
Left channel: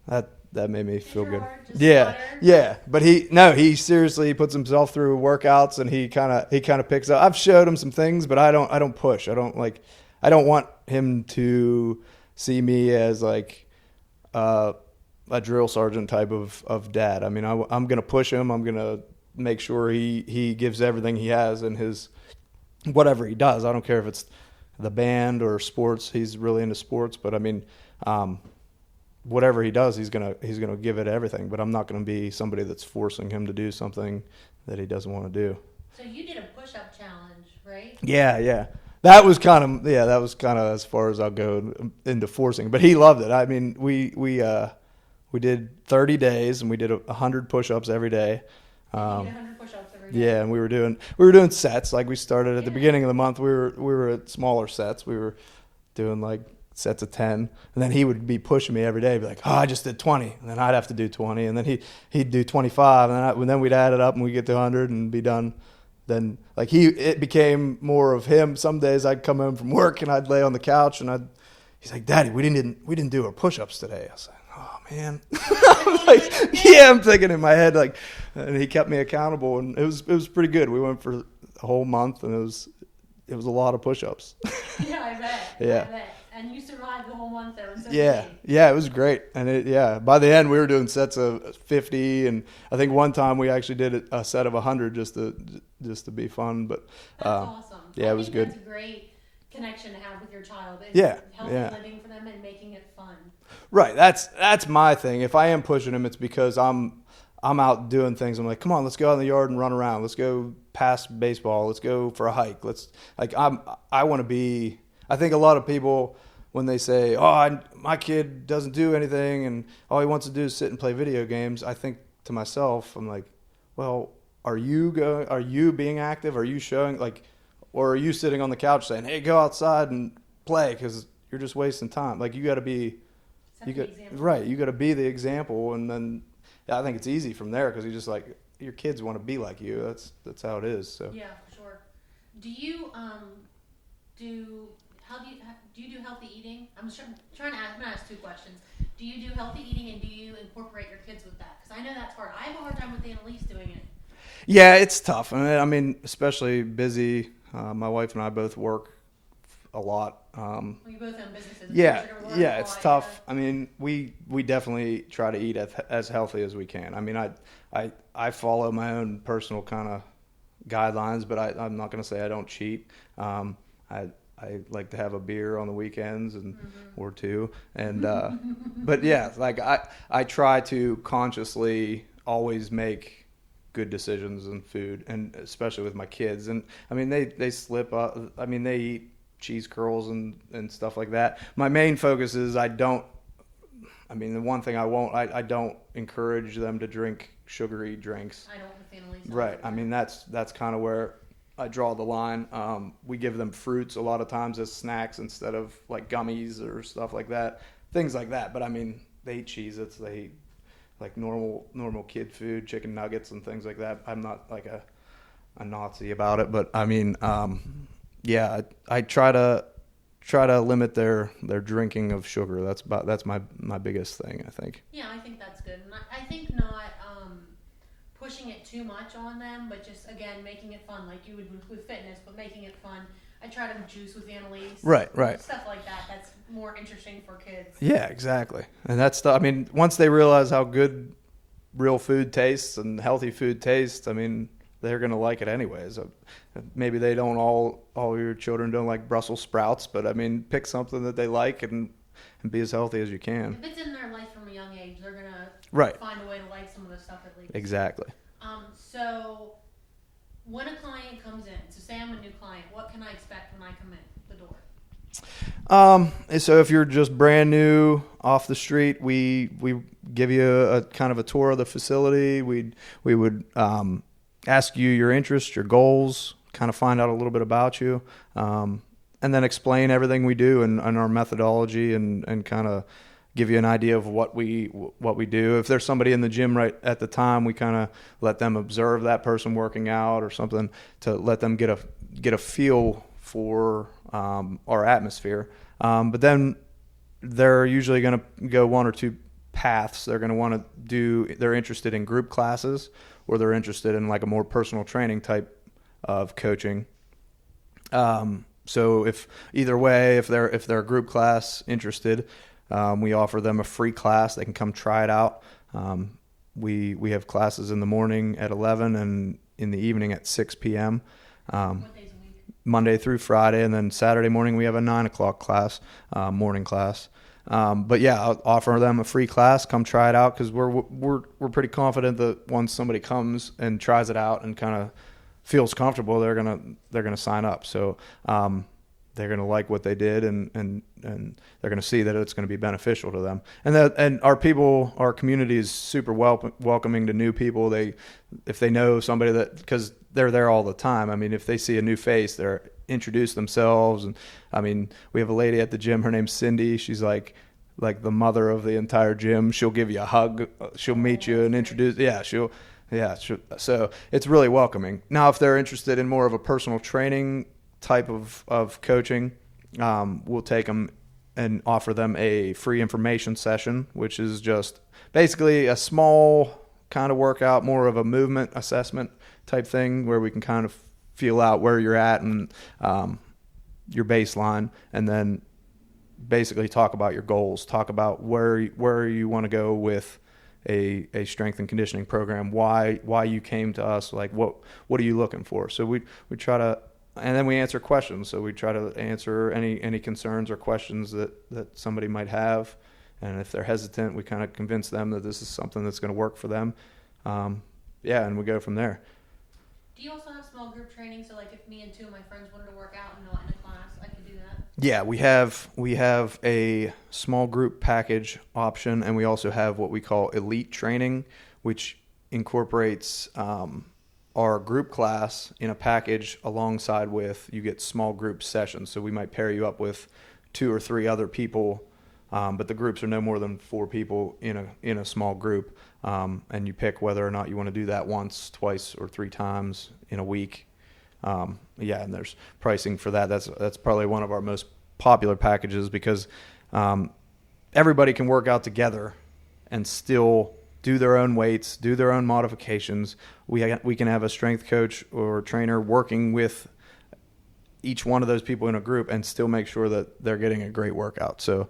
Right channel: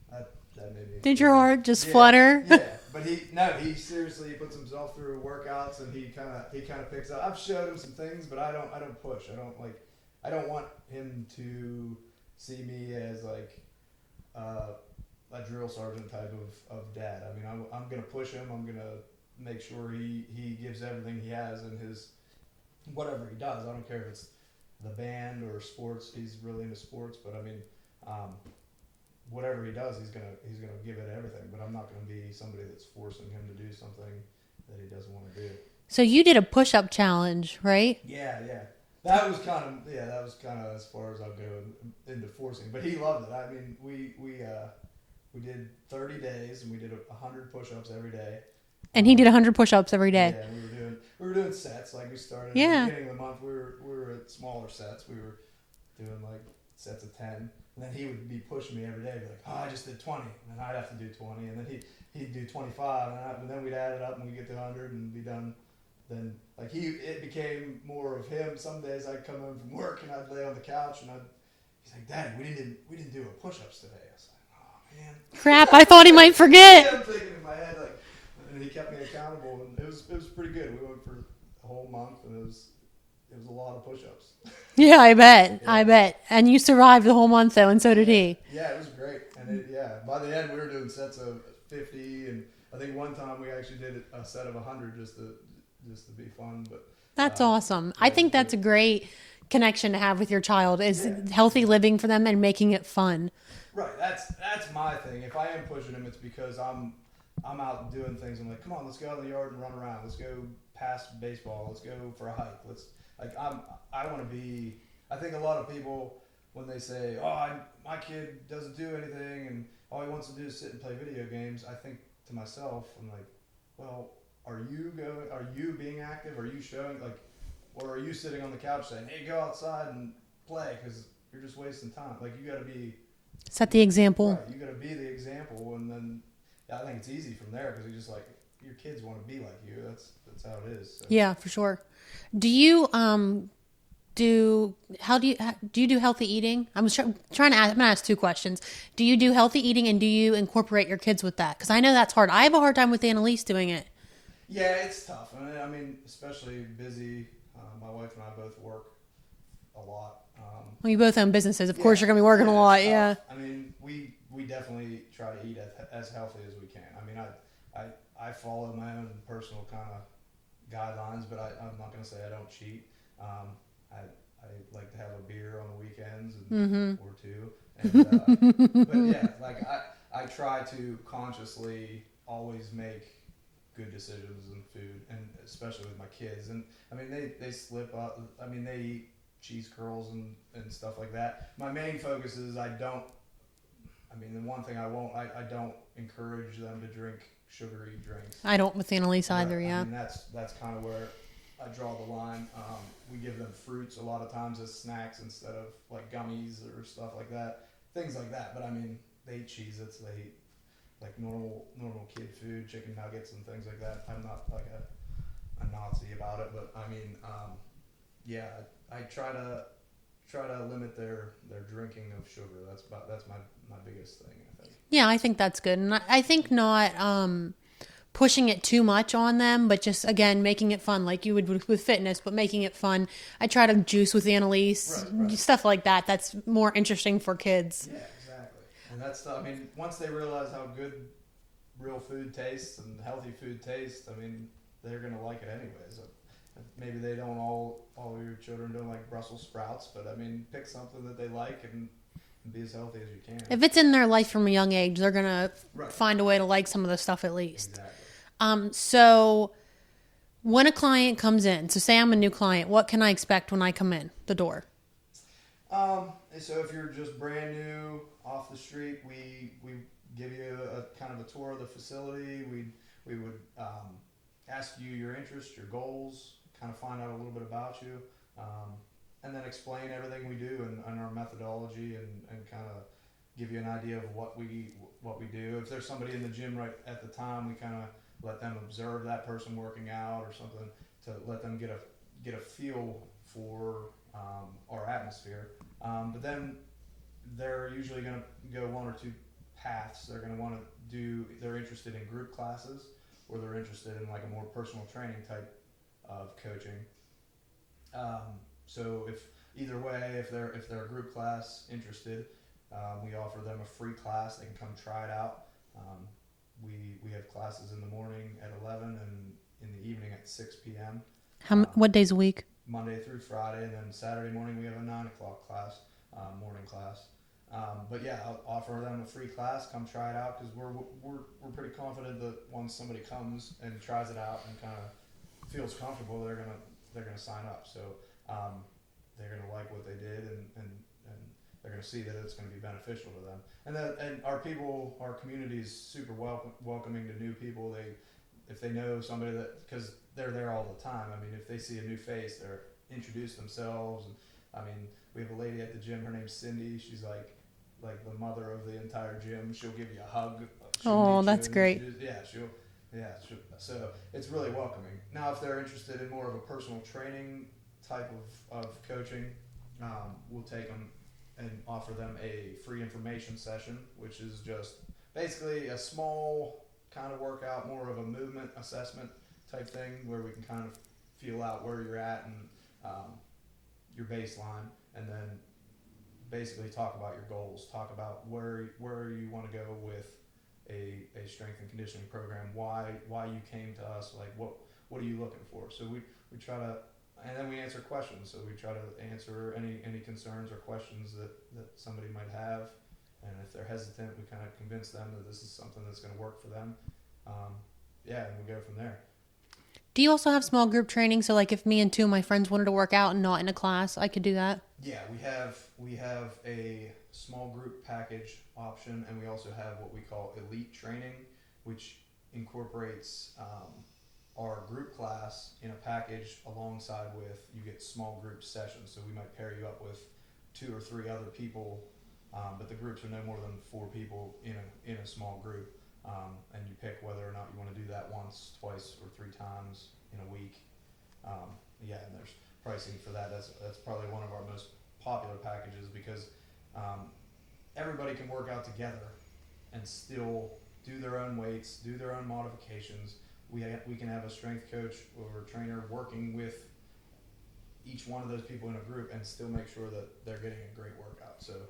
that made me feel Did your good. heart just flutter? Yeah, but he seriously puts himself through workouts, and he kind of picks up. I've showed him some things, but I don't push. I don't want him to see me as like a drill sergeant type of dad. I mean, I'm going to push him. I'm going to make sure he gives everything he has in his whatever he does. I don't care if it's the band or sports. He's really into sports, but I mean, whatever he does, he's gonna give it everything. But I'm not gonna be somebody that's forcing him to do something that he doesn't want to do. So you did a push-up challenge, right? Yeah. That was kind of as far as I'll go into forcing. But he loved it. I mean, we did 30 days, and we did 100 push-ups every day. And he did 100 push-ups every day. Yeah, and we were doing sets. Like, we started at the beginning of the month. We were at smaller sets. We were doing like sets of 10, and then he would be pushing me every day, be like, oh, I just did 20, and then I'd have to do 20, and then he'd do 25, and then we'd add it up, and we'd get to 100 and be done. Then, like, it became more of him. Some days I'd come home from work, and I'd lay on the couch, and he's like, Daddy, we didn't do our push-ups today. I was like, oh man, crap, I thought he might forget. Yeah, I'm thinking in my head, like, and he kept me accountable, and it was pretty good. We went for a whole month, and it was a lot of push-ups. Yeah, I bet. And you survived the whole month, though, and so did he. Yeah, it was great. And by the end, we were doing sets of 50, and I think one time we actually did a set of 100 just to be fun. But that's awesome. I think that's a great connection to have with your child, is healthy living for them and making it fun. Right. That's my thing. If I am pushing him, it's because I'm out doing things. I'm like, come on, let's go out in the yard and run around. Let's go past baseball. Let's go for a hike. I want to be. I think a lot of people, when they say, oh, my kid doesn't do anything and all he wants to do is sit and play video games, I think to myself, I'm like, well, are you being active? Are you showing, like, or are you sitting on the couch saying, hey, go outside and play, because you're just wasting time? Like, you got to be. Set the example. Right. You got to be the example, and then I think it's easy from there, because you just, like, your kids want to be like you. That's how it is. So. Yeah, for sure. Do you do you do healthy eating? I'm trying to ask. I'm gonna ask 2 questions. Do you do healthy eating, and do you incorporate your kids with that? Because I know that's hard. I have a hard time with Annalise doing it. Yeah, it's tough. I mean, especially busy. My wife and I both work a lot. Well, you both own businesses. Of course, you're gonna be working a lot. It's tough. Yeah. I mean, we definitely try to eat as healthy as we can. I mean, I follow my own personal kind of guidelines, but I'm not going to say I don't cheat. I like to have a beer on the weekends or 2, and but yeah, like I try to consciously always make good decisions in food, and especially with my kids. And I mean, they slip up. I mean, they eat cheese curls and stuff like that. My main focus is the one thing I don't encourage them to drink sugary drinks. I don't with Annalise either. Right. Yeah. I mean, that's kind of where I draw the line. We give them fruits a lot of times as snacks instead of like gummies or stuff like that, things like that. But I mean, they eat Cheez-Its, they eat like normal kid food, chicken nuggets and things like that. I'm not like a Nazi about it, but I mean, yeah, I try to limit their drinking of sugar. That's my biggest thing, I think. Yeah, I think that's good. And I think not pushing it too much on them, but just, again, making it fun like you would with fitness, but making it fun. I try to juice with Annalise. Right. Stuff like that. That's more interesting for kids. Yeah, exactly. And that's I mean, once they realize how good real food tastes and healthy food tastes, I mean, they're going to like it anyways. Maybe they don't all your children don't like Brussels sprouts, but I mean, pick something that they like and be as healthy as you can. If it's in their life from a young age, they're going to find a way to like some of the stuff at least. Exactly. So when a client comes in, so say I'm a new client, what can I expect when I come in the door? So if you're just brand new off the street, we give you a kind of a tour of the facility. We would ask you your interests, your goals, kind of find out a little bit about you, and then explain everything we do and our methodology and kind of give you an idea of what we do. If there's somebody in the gym right at the time, we kind of let them observe that person working out or something to let them get a feel for our atmosphere. But then they're usually going to go one or two paths. They're going to want to they're interested in group classes, or they're interested in like a more personal training type of coaching. So if they're a group class interested, we offer them a free class. They can come try it out. We have classes in the morning at 11 and in the evening at 6 p.m. What days a week? Monday through Friday, and then Saturday morning we have a 9 o'clock class, morning class. But yeah, I'll offer them a free class. Come try it out, because we're pretty confident that once somebody comes and tries it out and kind of feels comfortable, they're gonna sign up. So they're gonna like what they did, and they're gonna see that it's gonna be beneficial to them. And our community is super welcoming to new people. If they know somebody because they're there all the time. I mean, if they see a new face, they're introduce themselves. And I mean, we have a lady at the gym. Her name's Cindy. She's like the mother of the entire gym. She'll give you a hug. She'll meet you and great. introduce. So it's really welcoming. Now, if they're interested in more of a personal training type of coaching, we'll take them and offer them a free information session, which is just basically a small kind of workout, more of a movement assessment type thing, where we can kind of feel out where you're at and your baseline, and then basically talk about your goals, talk about where you want to go with a strength and conditioning program, why you came to us, like what are you looking for. So we try to, and then we answer questions. So we try to answer any concerns or questions that somebody might have, and if they're hesitant, we kind of convince them that this is something that's going to work for them. And we go from there. Do you also have small group training? So like if me and two of my friends wanted to work out and not in a class, I could do that? Yeah, we have a small group package option, and we also have what we call elite training, which incorporates our group class in a package alongside with, you get small group sessions. So we might pair you up with 2 or 3 other people, but the groups are no more than 4 people in a small group. And you pick whether or not you want to do that once, twice, or 3 times in a week. And there's pricing for that. That's probably one of our most popular packages, because everybody can work out together and still do their own weights, do their own modifications. We can have a strength coach or trainer working with each one of those people in a group and still make sure that they're getting a great workout. So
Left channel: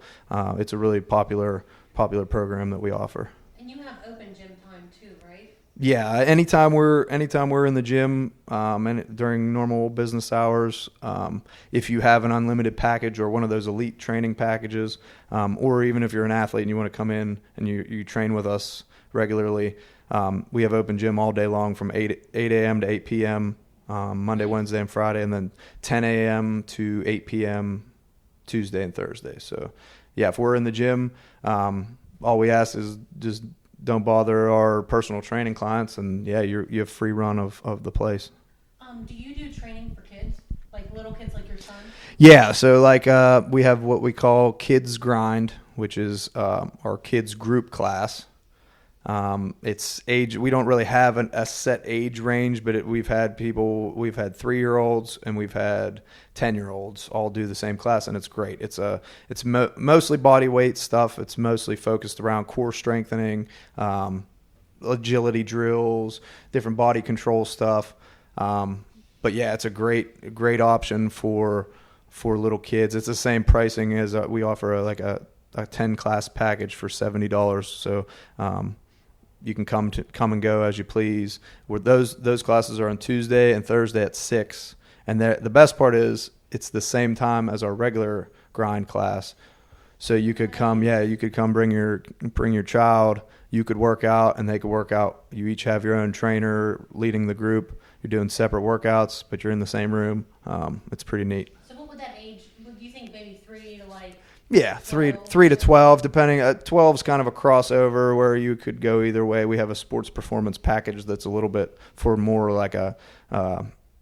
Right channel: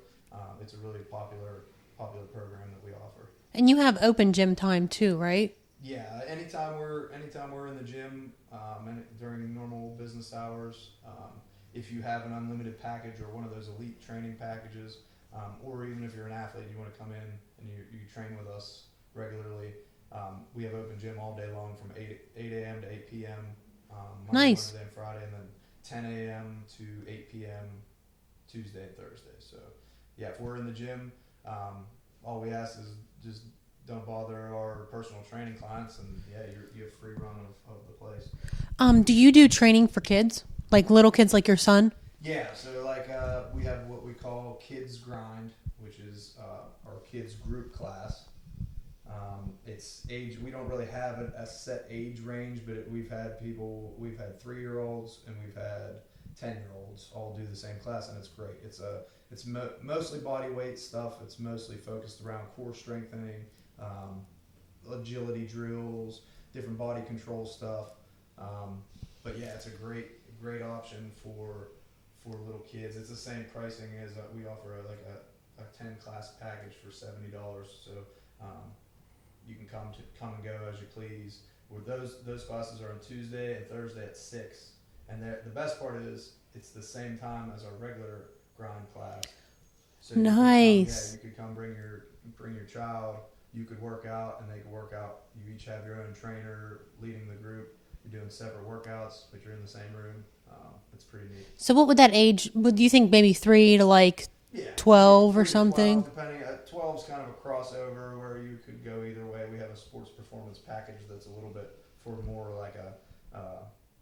it's a really popular program that we offer. And you have open gym time too, right? Yeah, anytime we're in the gym, and during normal business hours, if you have an unlimited package or one of those elite training packages, or even if you're an athlete and you want to come in and you train with us regularly, We have open gym all day long from 8 a.m. to 8 p.m. Monday, Nice. Wednesday, and Friday, and then 10 a.m. to 8 p.m. Tuesday and Thursday. So, yeah, if we're in the gym, all we ask is just don't bother our personal training clients, and yeah, you have free run of the place. Do you do training for kids, like little kids, like your son? Yeah, so like we have what we call Kids Grind, which is our kids group class. It's age. We don't really have a set age range, but we've had 3-year-olds and we've had 10-year-olds all do the same class, and it's great. It's mostly body weight stuff. It's mostly focused around core strengthening, agility drills, different body control stuff. But yeah, it's a great option for little kids. It's the same pricing as we offer a 10 class package for $70. So you can come and go as you please. Where those classes are on Tuesday and Thursday at 6, and the best part is it's the same time as our regular grind class. So you could come bring your child. You could work out and they could work out. You each have your own trainer leading the group. You're doing separate workouts, but you're in the same room. It's pretty neat. So what would that age, would you think maybe 3 to like 12 3 or to something? 12, depending. 12 is kind of a crossover where you could go either way. We have a sports performance package that's a little bit for more like a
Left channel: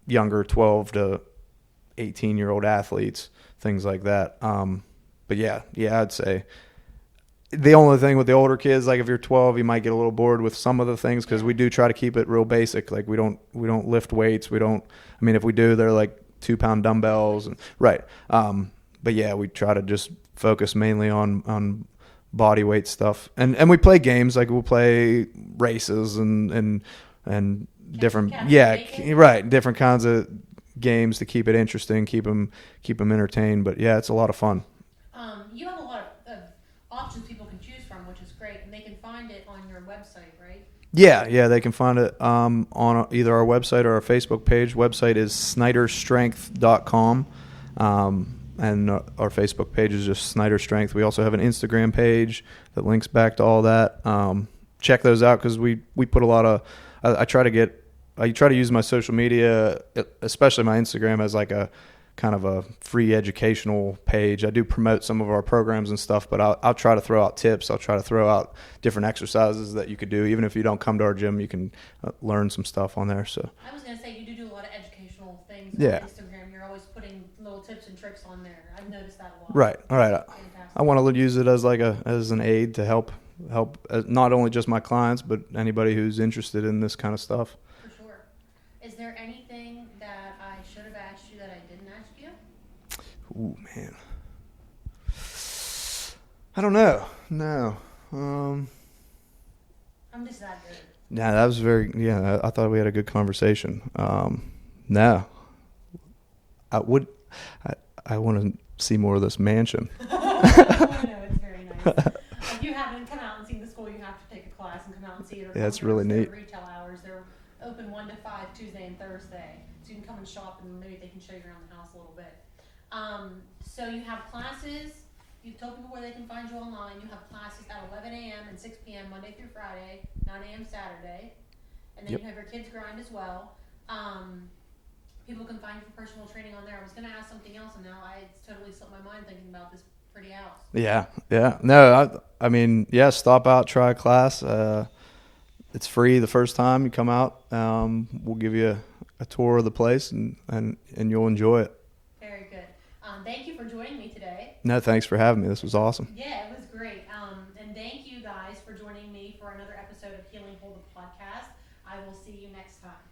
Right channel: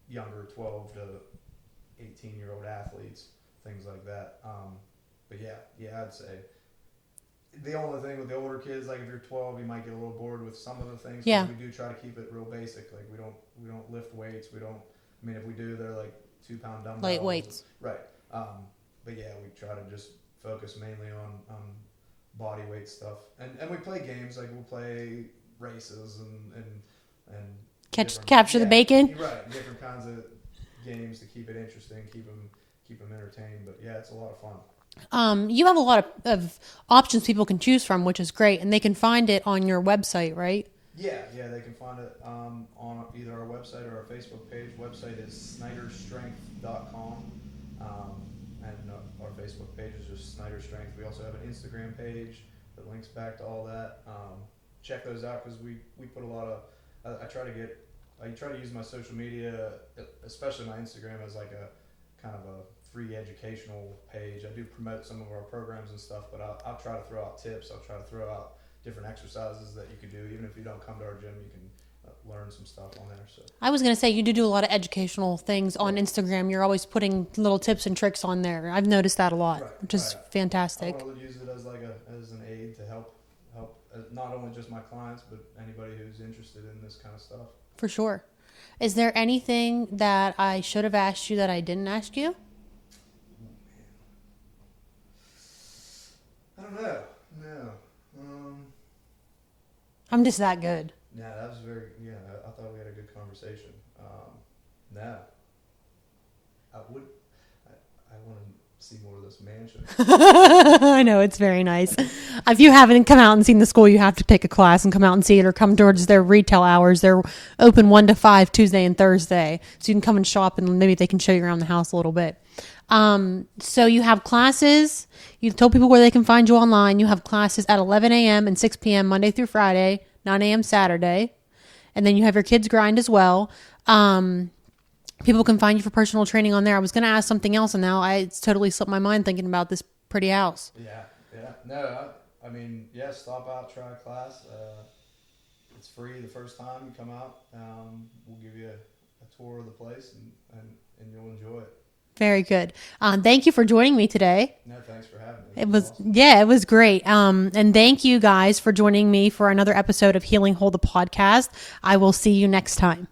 younger 12 to 18-year-old athletes, things like that. But yeah, I'd say the only thing with the older kids, like if you're 12, you might get a little bored with some of the things because we do try to keep it real basic. Like we don't lift weights. If we do, they're like 2-pound dumbbells. Right. But yeah, we try to just focus mainly on body weight stuff. And we play games, like we'll play races and different capture the bacon. Right. Different kinds of games to keep it interesting, keep them entertained. But yeah, it's a lot of fun. You have a lot of options people can choose from, which is great, and they can find it on your website, right? Yeah, they can find it on either our website or our Facebook page. Website is snyderstrength.com, and our Facebook page is just Snyder Strength. We also have an Instagram page that links back to all that. Check those out because we put a lot of. I try to use my social media, especially my Instagram, as like a kind of a free educational page. I do promote some of our programs and stuff, but I'll try to throw out tips. I'll try to throw out different exercises that you could do. Even if you don't come to our gym, you can learn some stuff on there. So I was going to say, you do a lot of educational things on Instagram. You're always putting little tips and tricks on there. I've noticed that a lot. Right. Which is fantastic. I want to use it as as an aid to help not only just my clients, but anybody who's interested in this kind of stuff. For sure. Is there anything that I should have asked you that I didn't ask you? Ooh, man. I don't know. No. I'm just that good. Yeah, that was I thought we had a good conversation. No. I want to see more of this mansion. I know, it's very nice. If you haven't come out and seen the school, you have to pick a class and come out and see it, or come towards their retail hours. They're open 1 to 5 Tuesday and Thursday, so you can come and shop and maybe they can show you around the house a little bit. So you have classes. You told people where they can find you online. You have classes at 11 a.m. and 6 p.m. Monday through Friday, 9 a.m. Saturday, and then you have your kids grind as well. People can find you for personal training on there. I was going to ask something else, and now it's totally slipped my mind thinking about this pretty house. Yeah. No, stop out, try a class. It's free the first time you come out. We'll give you a tour of the place, and you'll enjoy it. Very good. Thank you for joining me today. No, thanks for having me. This was awesome. Yeah, it was great. And thank you guys for joining me for another episode of Healing Whole, the podcast. I will see you next time.